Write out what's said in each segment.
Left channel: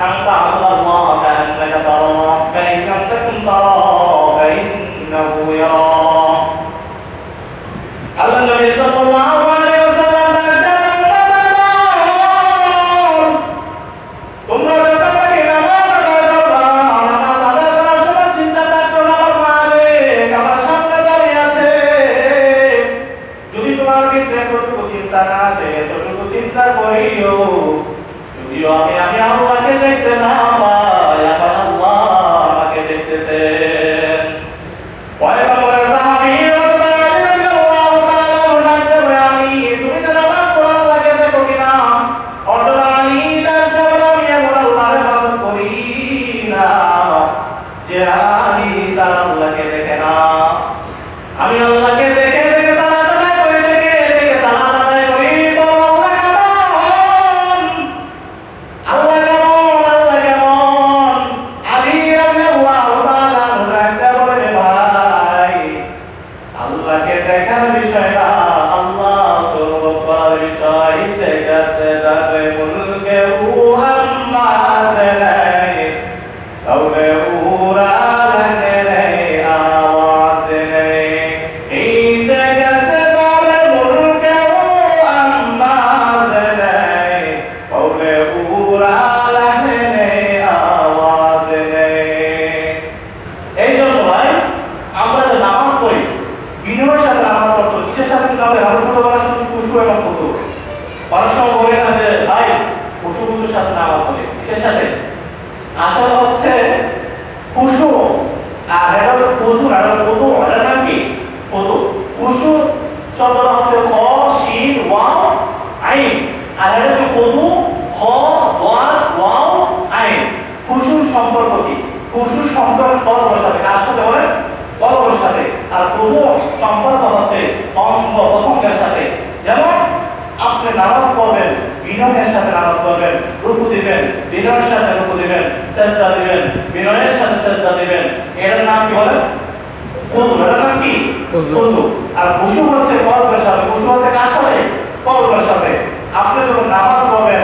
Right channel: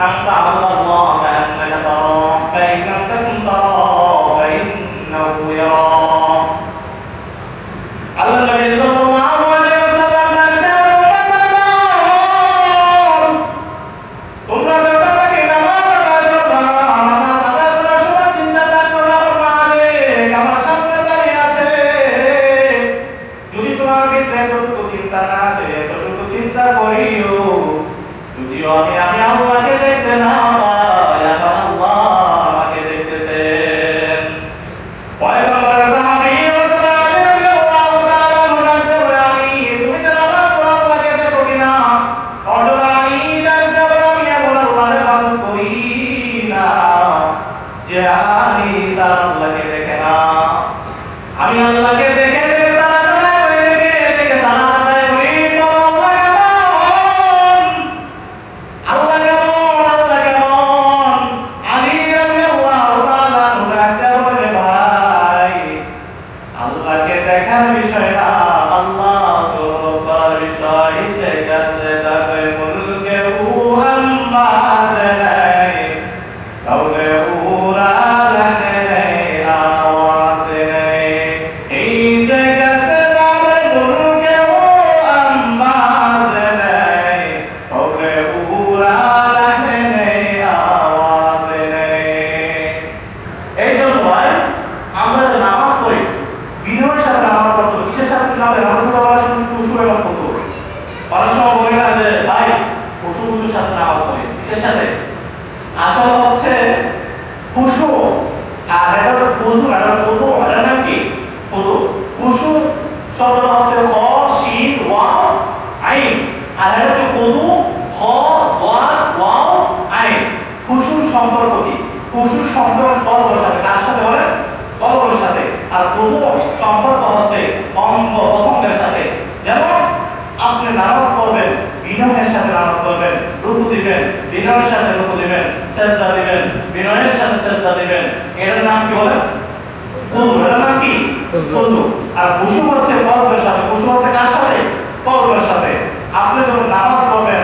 Kangkang, 跑 আসলে আসলে হচ্ছে খুশু আর এটা খুশু আর খুদু এটা নাম কি খুশু শব্দটা হচ্ছে খ শিন ওয়াও, আইন। আর এটা হচ্ছে খুদু খ ওয়া ওয়াও, আইন। খুশুর সম্পর্ক কি? খুশুর সম্পর্ক কর্মের সাথে কার সাথে বলে? কর্মের সাথে আর খুদু সম্পর্ক হচ্ছে অঙ্গ বিনয়ের সাথে নামাজ পড়বেন রুকু দিবেন বিনয়ের সাথে রুকু দিবেন সেজদা দিবেন বিনয়ের সাথে সেজদা দিবেন। এর নাম কি বলেন খুজু এর নাম কি? খুজু আর খুশু হচ্ছে কলবের সাথে। খুশু হচ্ছে কার সাথে? কলবের সাথে। আপনি যখন নামাজ পড়বেন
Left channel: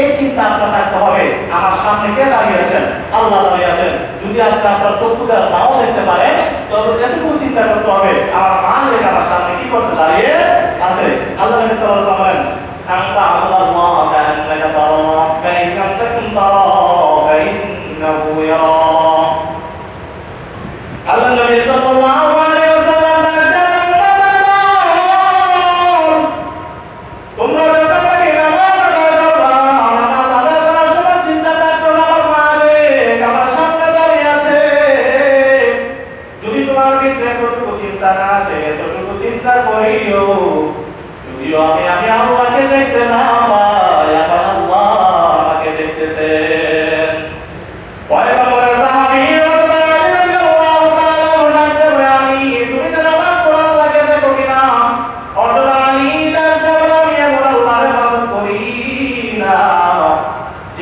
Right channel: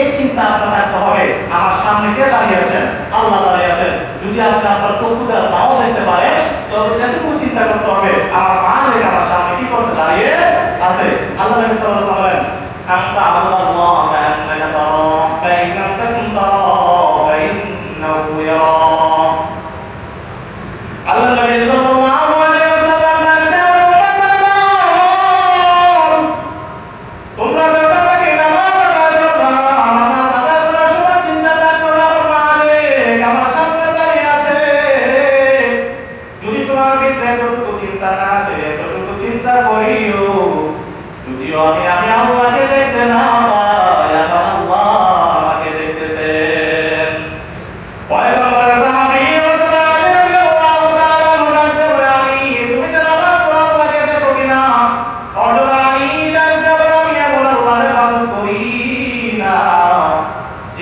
এই চিন্তা আপনার হবে। আমার সামনে কে দাঁড়িয়ে আছেন? আল্লাহ দাঁড়িয়ে আছেন। যদি আপনি আপনার চক্ষুকে নাও দেখতে পারে তবে এটুকু চিন্তা করতে হবে, আমার মা আমার সামনে কি করছে দাঁড়িয়ে আছে। আল্লাহ বলেন আল্লাহ আল্লাহ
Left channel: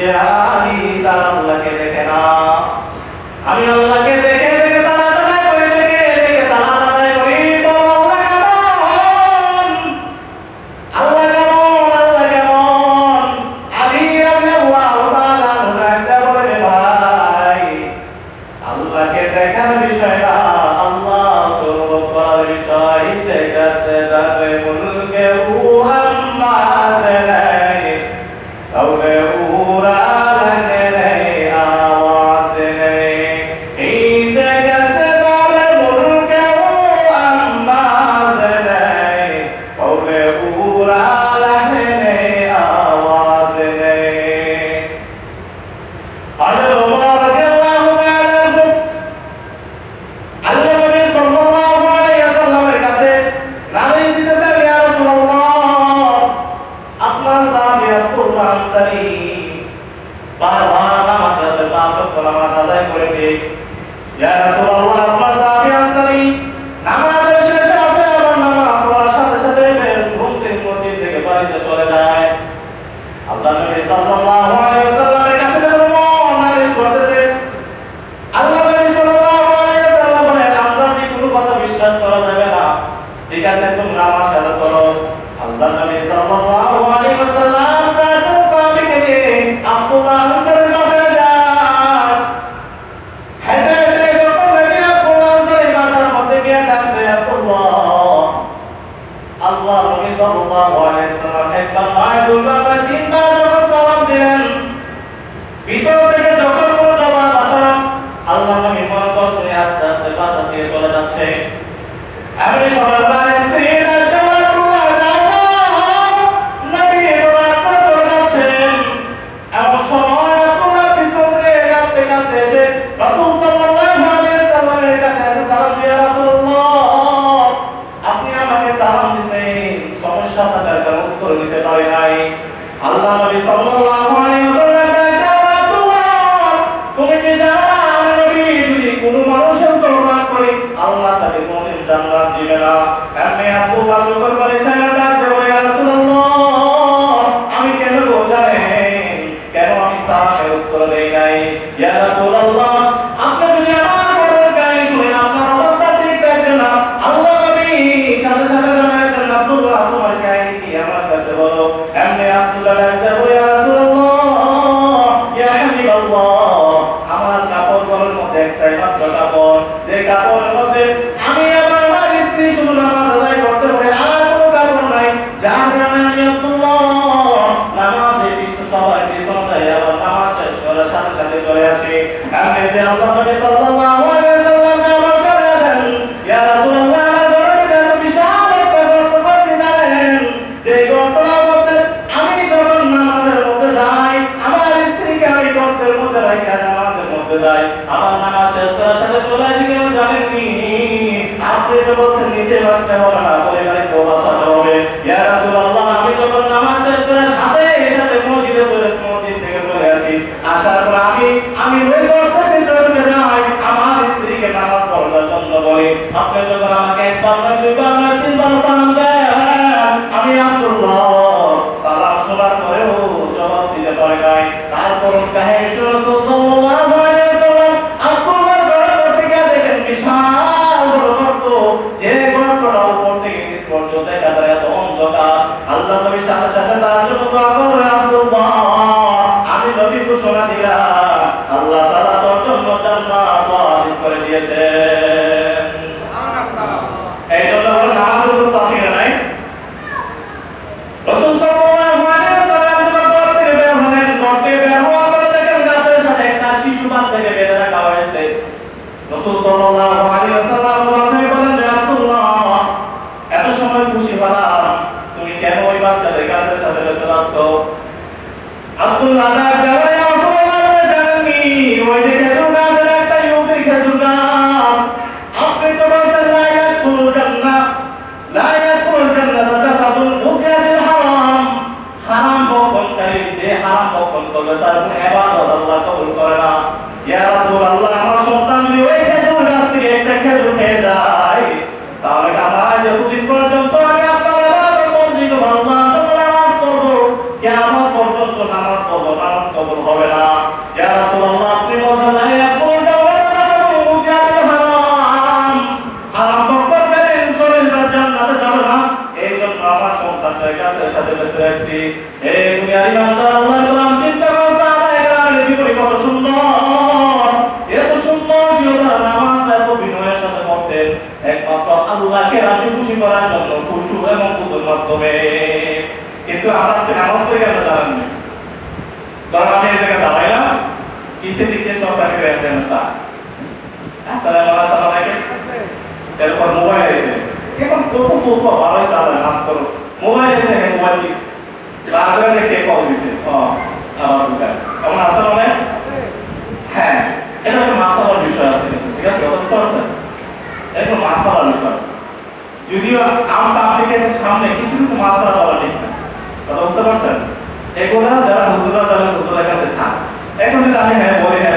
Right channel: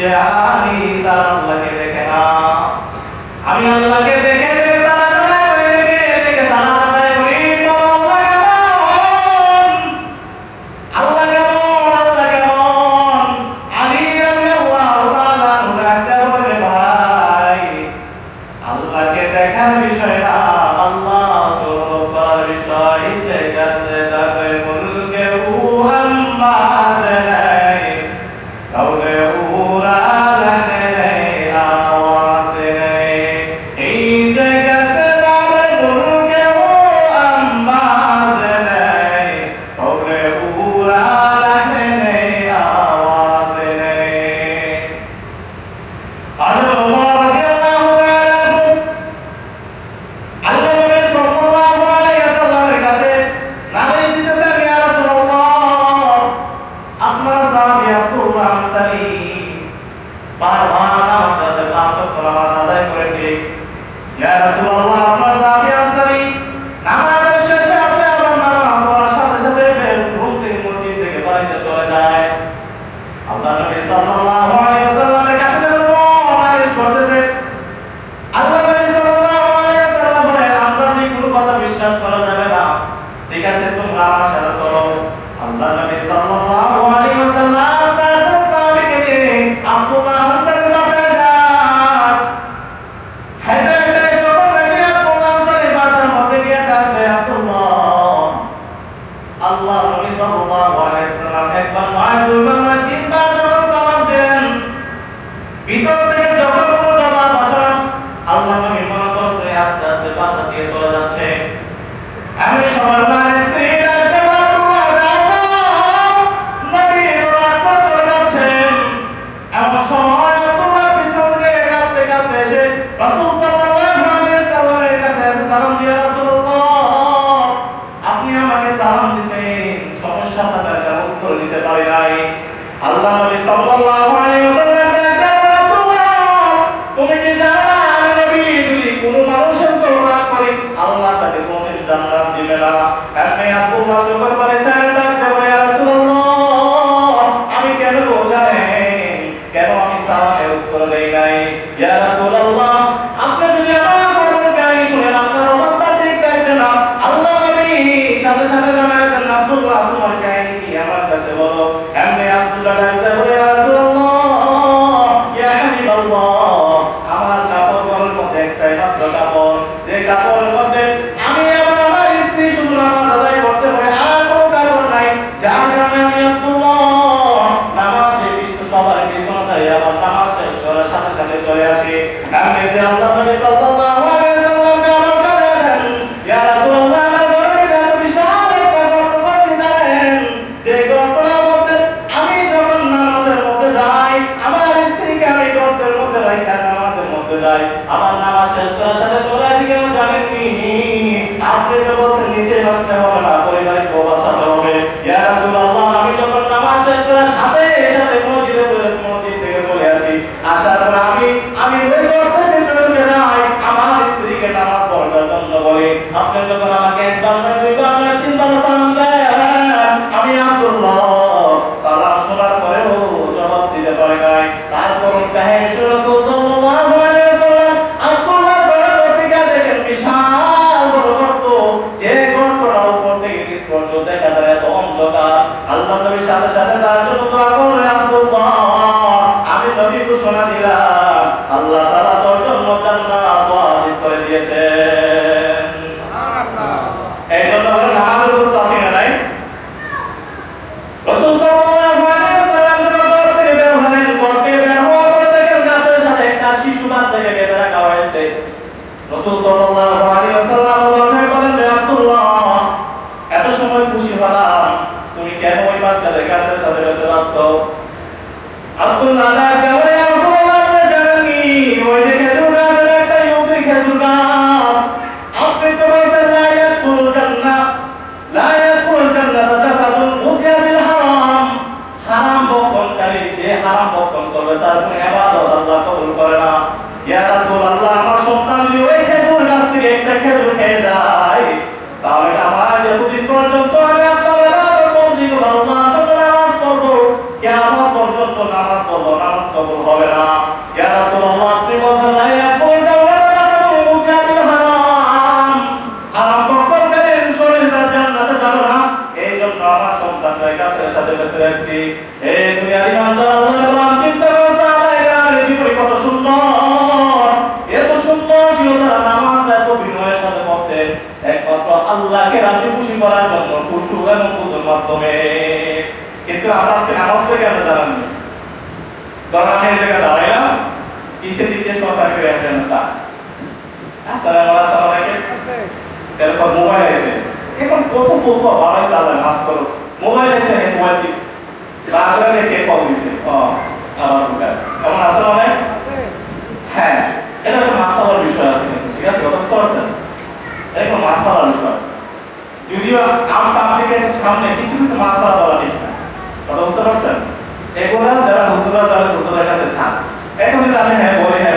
যে আমি তার আল্লাহকে দেখে না। আমি আল্লাহকে না এমনি আব্দুল্লাহ আদায় করতে আপনি তো বলছেন নিজে বাঁচতে হবে, না পরিবারের কেউ বাঁচাতে হবে। ইয়া রাসূলুল্লাহ, আমি যখন নামাজ শেষ করার সাথে সাথে মসজিদে চলে, মসজিদ থেকে চলে আসি। আসার পর আমি আমি ওই গর্তের ভিতরে ঢুকে যাই, আমার স্ত্রীকে নামাজ পড়ার জন্য বলি আপনি যখন আমাকে একবার না দুইবার না তিনবার সালাম দেন, আমি আব্দুল্লাহ, সালাম শোনার পরেও জবাব দিতে পারে নাই। dice হবে না। ইয়া রাসূলুল্লাহ, আপনি শরীর তার জান্নাতে এই আমার দুনিয়ার ইমানদার আল্লাহর গোলাম চিন্তা করছে, আদায় গ্রামের জীবনী আমরা আমরা কারণ আমি এই জায়গায় দাঁড়াইলাম কিসে দিকে সরকারি ব্যবস্থা আসসালামু আলাইকুম এরপর মোবাইল আছে এখন কত ফোন ভালো হয়েছে আল্লাহ মাফ করো। মোবাইল আছে মোবাইল কি বাসরা দেখে কল দিছে। ও, আবার মোবাইল কেমন আসল মানে হ্যাঁ। বিষয় আছে। ঠিক আছে বুঝতে যদিও সামনে কিছু কিছু মাসালা বলা বুঝতে পারছেন? এগুলো যারা হুজুরা কাছে থাক। এখন যদি আমি হ্যাঁ বলি হ্যাঁ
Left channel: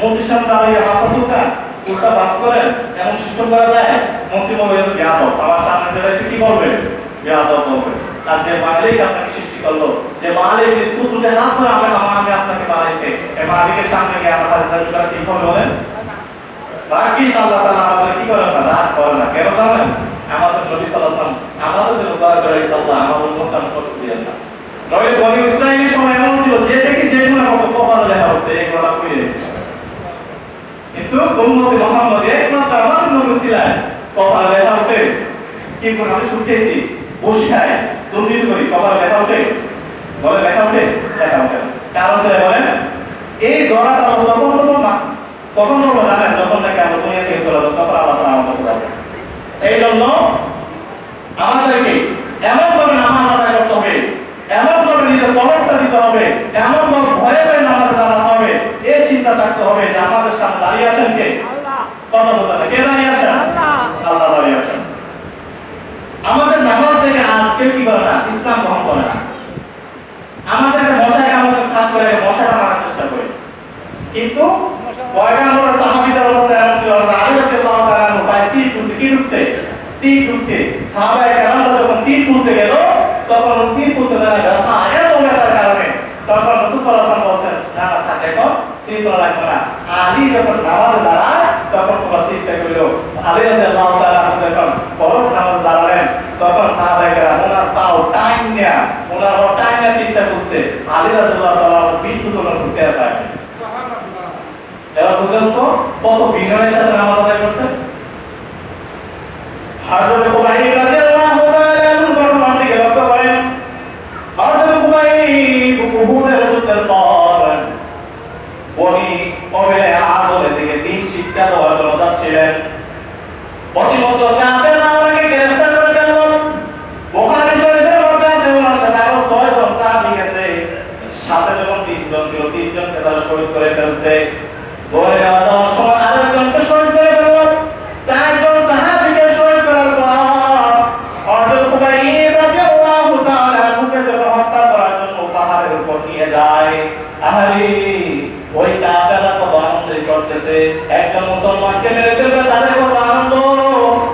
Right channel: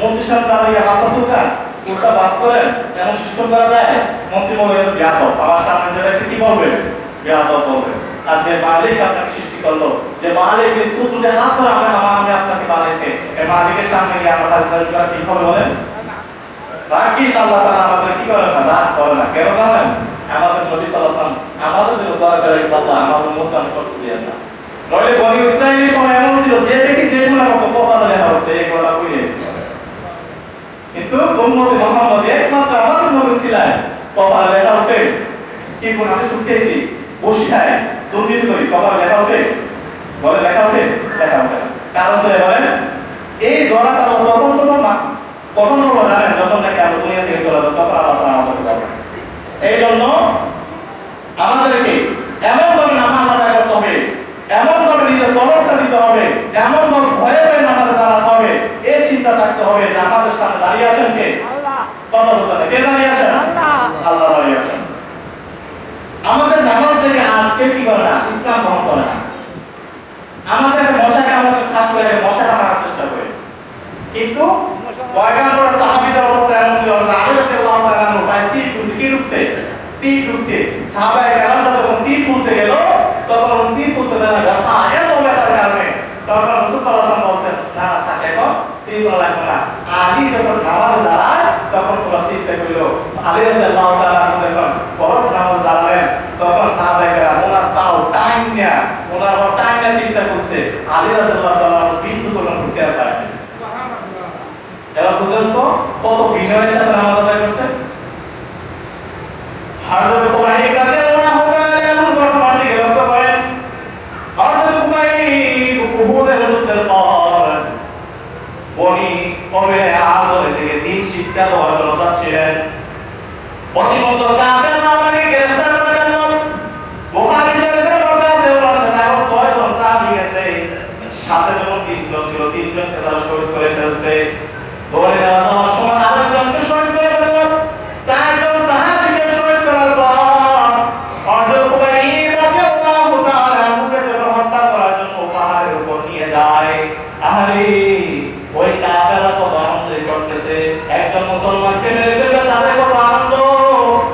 মন্ত্রীর দাঁড়িয়ে হাত সুতা উল্টা বাস করেন এমন সিস্টেম করা যায়, মন্ত্রী বলে এত জ্ঞাত আমার সামনে কি করবে জ্ঞাত করবে আর যে মালিক আপনাকে সৃষ্টি করল, যে মালিক যে তুলে হাত ধরে আমার মামা আমি আপনাকে বানাইছে, এই মালিকের সামনে গিয়ে আমার দাঁড়িয়ে কি করবে বলেন? রাখি আল্লাহ তাআলা আমাদের কি করে না? রাগ করে না। কেন জানেন আমাদের নবী সাল্লাল্লাহু আমাদের জন্য দোয়া করে আল্লাহ আমাদের মুখান করতে দেন না। নইলে বনি ইসরায়েলের সময় এমন ছিল, যে দেখি যে গুণা কত কপালে লেখা হচ্ছে এই গুণা করে কিন্তু উম্মতে মুহাম্মদ কপালে লেখা হচ্ছে কি কোন আমি শুকিয়েছি বসে খায় দুর্নীতি করি, কপালে লেখা হচ্ছে বলে হচ্ছে কারণ হচ্ছে বলেন? এই ধরাটা আমরা তখন তখন না কখন বলব জানেন যখন আমরা আমাদের এই জন্য আমাদেরকে এমন ভাবে নামাজ আদায় করতে হবে, এমন ভাবে নিজের কলমটা দিতে হবে, এমন ভাবে ভয়ে নামাজে দাঁড়াতে হবে এই চিন্তা থাকতে হবে যে আমাদের সামনে দাঁড়িয়ে আছেন কে? কে দাঁড়িয়ে আছেন? আল্লাহ দাঁড়িয়ে আছেন। আমাদের নামাজ থেকে আজকে কি ইসলাম গ্রহণ আমাদের খাস করে চেষ্টা করে। কিন্তু পয়গাম্বর অবস্থা এমন ছিল কি ঢুকছে? ঢুকছে যখন গেল, তখন গেল এত কারণে তখন রাসূল বলছেন না না থাক এখন তীর তোলা লাগবে না। আলী যখন নামাজে দাঁড়ায় তখন তোমার তীরটা কইল আলী রাদিয়াল্লাহু তাআলা যখন ফরজ নামাজে দাঁড়ালেন তখন সাহাবায়ে ওনার তাও টাইম নিয়া ওনার টাইম নিয়ে তীরটা তুলছে আলী রাদিয়াল্লাহু তাআলা বিদ্যুৎ কোনো পারে এবার বুঝলেন তো কত বিনয়ের সাথে নামাজ আদায় করছে তাআলা আনহু ঘটনাটিকে লক্ষ্য করেন হযরত খুবাইব উহুদের যুদ্ধের পর বনি কবিলে আজরে থেকে দিন শিক্ষা দেওয়ার জন্য যাচ্ছিলেন প্রতিমত কাফের মাওলাকে গ্রেফতার করে গেল বুখারী শরীফের মধ্যে আছে ওনার ওই একজন মুসলমানকে মেরে ফেলবে তাদের কত আনন্দ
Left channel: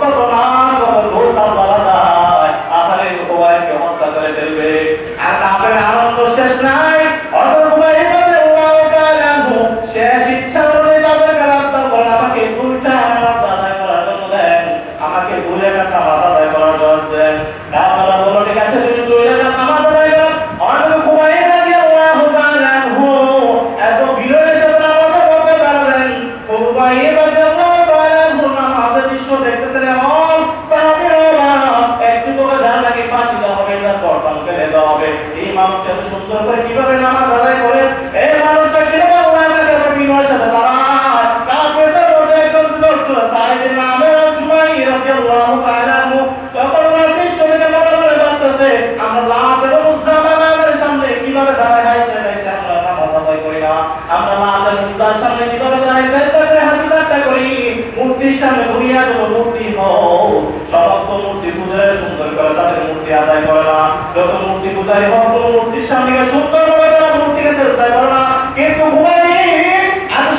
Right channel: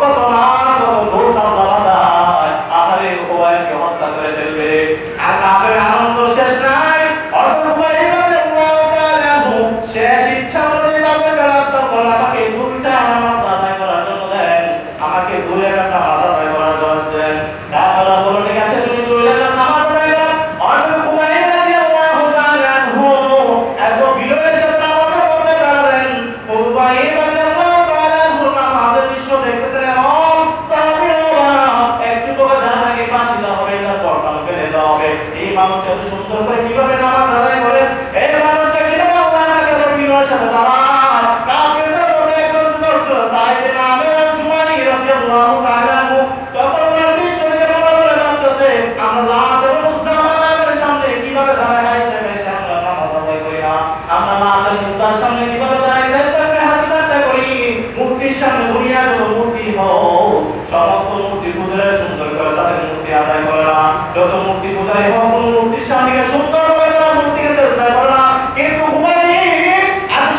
কত নাম কত ঢোল তাল পাওয়া যায় আহারে খুবাইবকে হত্যা করে ফেলবে আর কাফের আনন্দ শেষ নাই অর্জুন খুবাইব রাদিয়াল্লাহু তাআলা আনহু শেষ ইচ্ছা করে তাদের কারাত্তর করেন আমাকে দুইটা আমার আদায় করার জন্য দেন আমাকে দুই একটা আদায় করার জন্য দেন তারপরে বলল ঠিক আছে তুমি দুই রাকাত নামাজ আদায় করো অর্জুন খুবাইব রাদিয়াল্লাহু তাআলা আনহু এত বিনয়ের সাথে নামাজে পড়তে দাঁড়ালেন খুবাইব রাদিয়াল্লাহু তাআলা আনহু নামাজের দৃশ্য দেখতেছেন এমন সাহাবীরা একটু করে যা তাকে ফাঁসি দেওয়া হবে তার গর্দান ফেলে দেওয়া হবে এই মানুষটা এত সুন্দর করে কীভাবে নামাজ আদায় করে এই মানুষটা কীভাবে আল্লাহর কাছে এত বিনয়ের সাথে দাঁড়ায় কাফেরদের মধ্যে একজন যুবক ছিল সাইদ নামে জুমাই নামাজ আদায় করি যত মূর্তি পূজারে সুন্দর করে তারা কিন্তু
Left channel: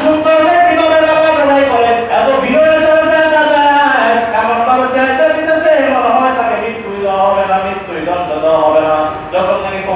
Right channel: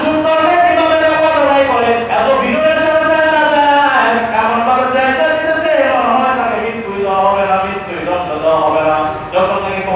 সুন্দর কীভাবে আদায় করে? এত বিনয়ের সাথে চেষ্টা যায় এমন ভাবে চেষ্টা দিতেছে মনে হয় তাকে মৃত্যু দেওয়া হবে না মৃত্যু দণ্ড দেওয়া হবে না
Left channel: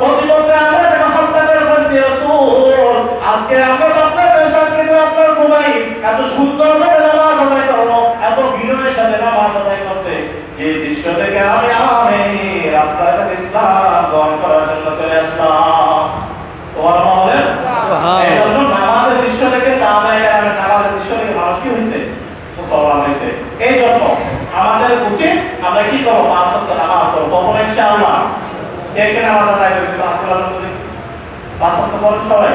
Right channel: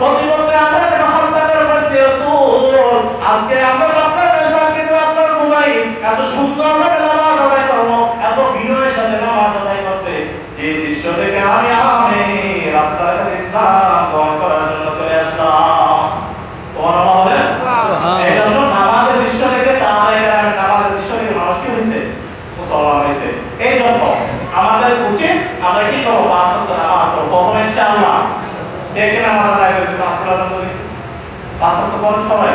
প্রতিমধ্যে আমরা তাকে হত্যা করে আজকে আমরা আপনাদের সামনে তো আপনার কোবাই এত সুন্দর করে নামাজ আদায় করব এত বিনয়ের সাথে নামাজ আদায় করছে। যে দৃশ্য থেকে আমি আমি আপনার কাছে ইসলাম গ্রহণ করার জন্য চলে আসলাম। তোমার মহলে এই জন্য নামাজের দৃশ্য থেকে সাহাবায়ে কেরামের নামাজের দৃশ্য থেকে মানুষ কি হয়েছে? মুসলমান হয়েছে। এই জন্য আমাদের উচিত আমরা কি করব? পাঁচ নামাজ করব কখনো ইনশাআল্লাহ। দেখে নামাজ আদায় করি আপনারা যদি পাঁচ ওয়াক্ত পড়েন সবাই।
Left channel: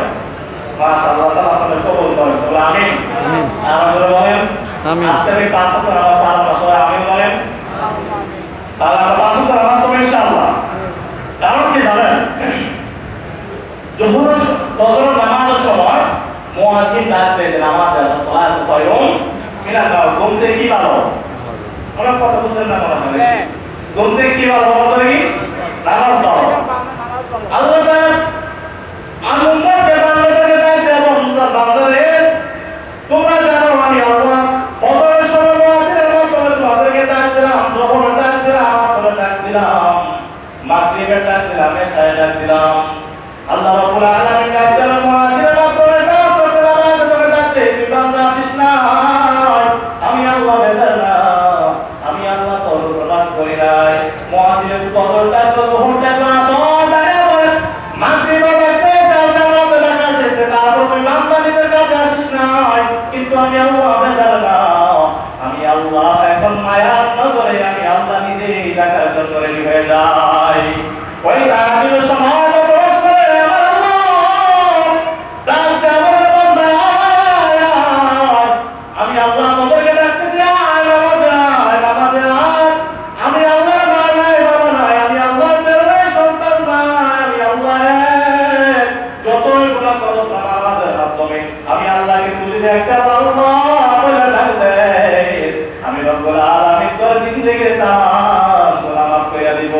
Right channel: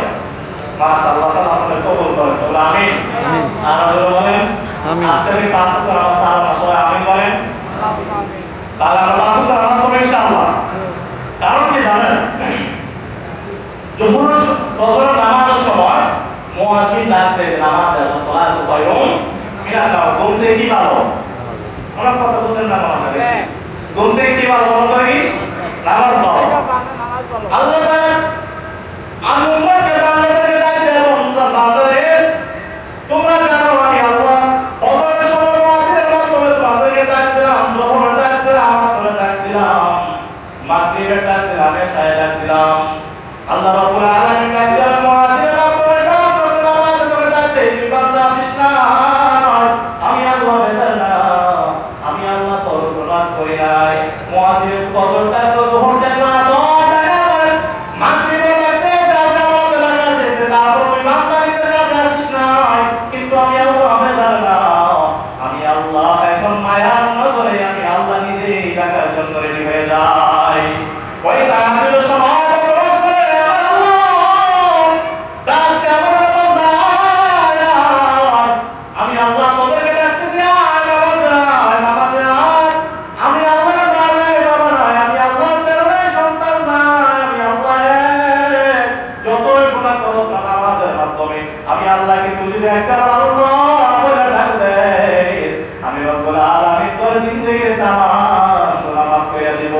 মাশাআল্লাহ তাআলা আপনাদের কবুল করেন। বলে আমিন। আমিন। আর আপনারা বলেন আমিন। সারা সবাই আমিন বলেন। তাহলে আমরা পাঁচ ওয়াক্ত নামাজ পড়ব ইনশাআল্লাহ। কারণ কি জানেন? জোহর ফজর নামাজের সময় মুয়াজ্জিন ডাক দেয় নামাজ দেয় সালাত কয়ুম ঘুম থেকে কি ভালো? আমরা কথা বুঝলেন না মনে হয়। ঘুম থেকে কি ভালো তো দেখি। নামাজ ভালো আল্লাহ তাআলা আমি উম্মতকে বান্দাদেরকে ডাক দেয় তোমরা বান্দারে তোমরা জানো আমি আল্লাহ ফজরের সময় মুয়াজ্জিনের মাধ্যমে তোমাদেরকে ডাক দিলাম যখন ডাক দিলাম আমার ডাক দিলাম। মাগরিবের ডাক দিলাম এশায় ডাক দিলাম। আল্লাহ রাব্বুল আলামিন ডাক দিলেন মুয়াজ্জিনের মাধ্যমে ডাক করতে নামাজ করে ডাকতে তুই বান্দা আসিস না। আমি আল্লাহ বেজার না আমি আল্লাহ তোর প্রদান করি নাই। মুয়াজ্জিনের কদর ডাক যখন ডাকলো আসর ডাকে করে মাগরিবের ডাকতে এশায় জামাত ডাকা যেতে তারপর তুই বান্দা নিজের কাছে আসিস না কিন্তু আমি আল্লাহ এখন মায়ার নজরে আমি আল্লাহ নিজেই ডাকার জন্য রেডি হয়ে যাই। ওই তাহাজুদের সময়টা প্রবেশ করে আমার আল্লাহ ডাকতে আমার বান্দা আয়। আমি আল্লাহ তোদেরকে ডাকতেছি আয় নামাজে আয় নামাজে আয় আমি আল্লাহর মা নাই বাবা নাই আমি আল্লাহর ছেলে নাই সন্তান নাই আমি আল্লাহ এক। যতই গুনাহ করো তা নামাজের মাধ্যমে আমি আল্লাহকে তুই যদি একটা ভালো বলে ডাক দেয় আমি রব্বুল আলামিন তোর জিন্দেগির তামাম গুনাহ মাফ করে দিব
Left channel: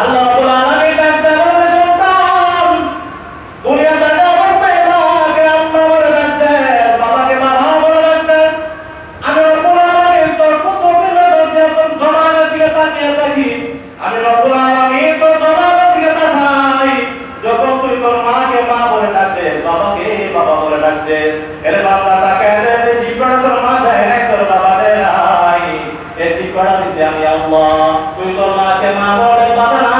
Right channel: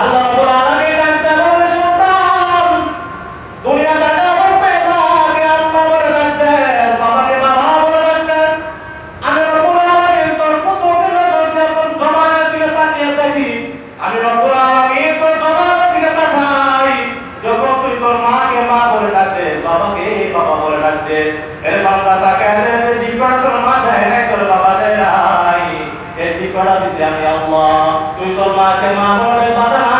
আল্লাহ রব্বুল আলামিন ডাক দেয় বলে সন্তান দুনিয়া টাকা অবস্থায় মাকে আম্মা বলে ডাক দেয় বাবাকে বাবা বলে ডাক দেয় আমি রব্বুল আলামিন তোর কুদরতের মধ্যে তোর জমানের দিকে তাকিয়ে থাকি আমি রব্বুল আলামিন তোর জমানের দিকে তাকাই যখন তুই তোর মাকে মা বলে ডাকতে বাবাকে বাবা ডাকতে এর বাবা তাকে জীবন তোর মা দেয় নাই তোর বাবা দেয় নাই, এ ঠিক করা দিছে আমি আল্লাহ। তুই তোর মাকে মা বলে বাবা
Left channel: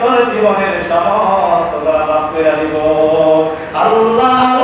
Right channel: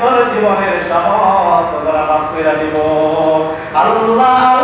তোর জীবনের সমস্ত গুনাহ মাফ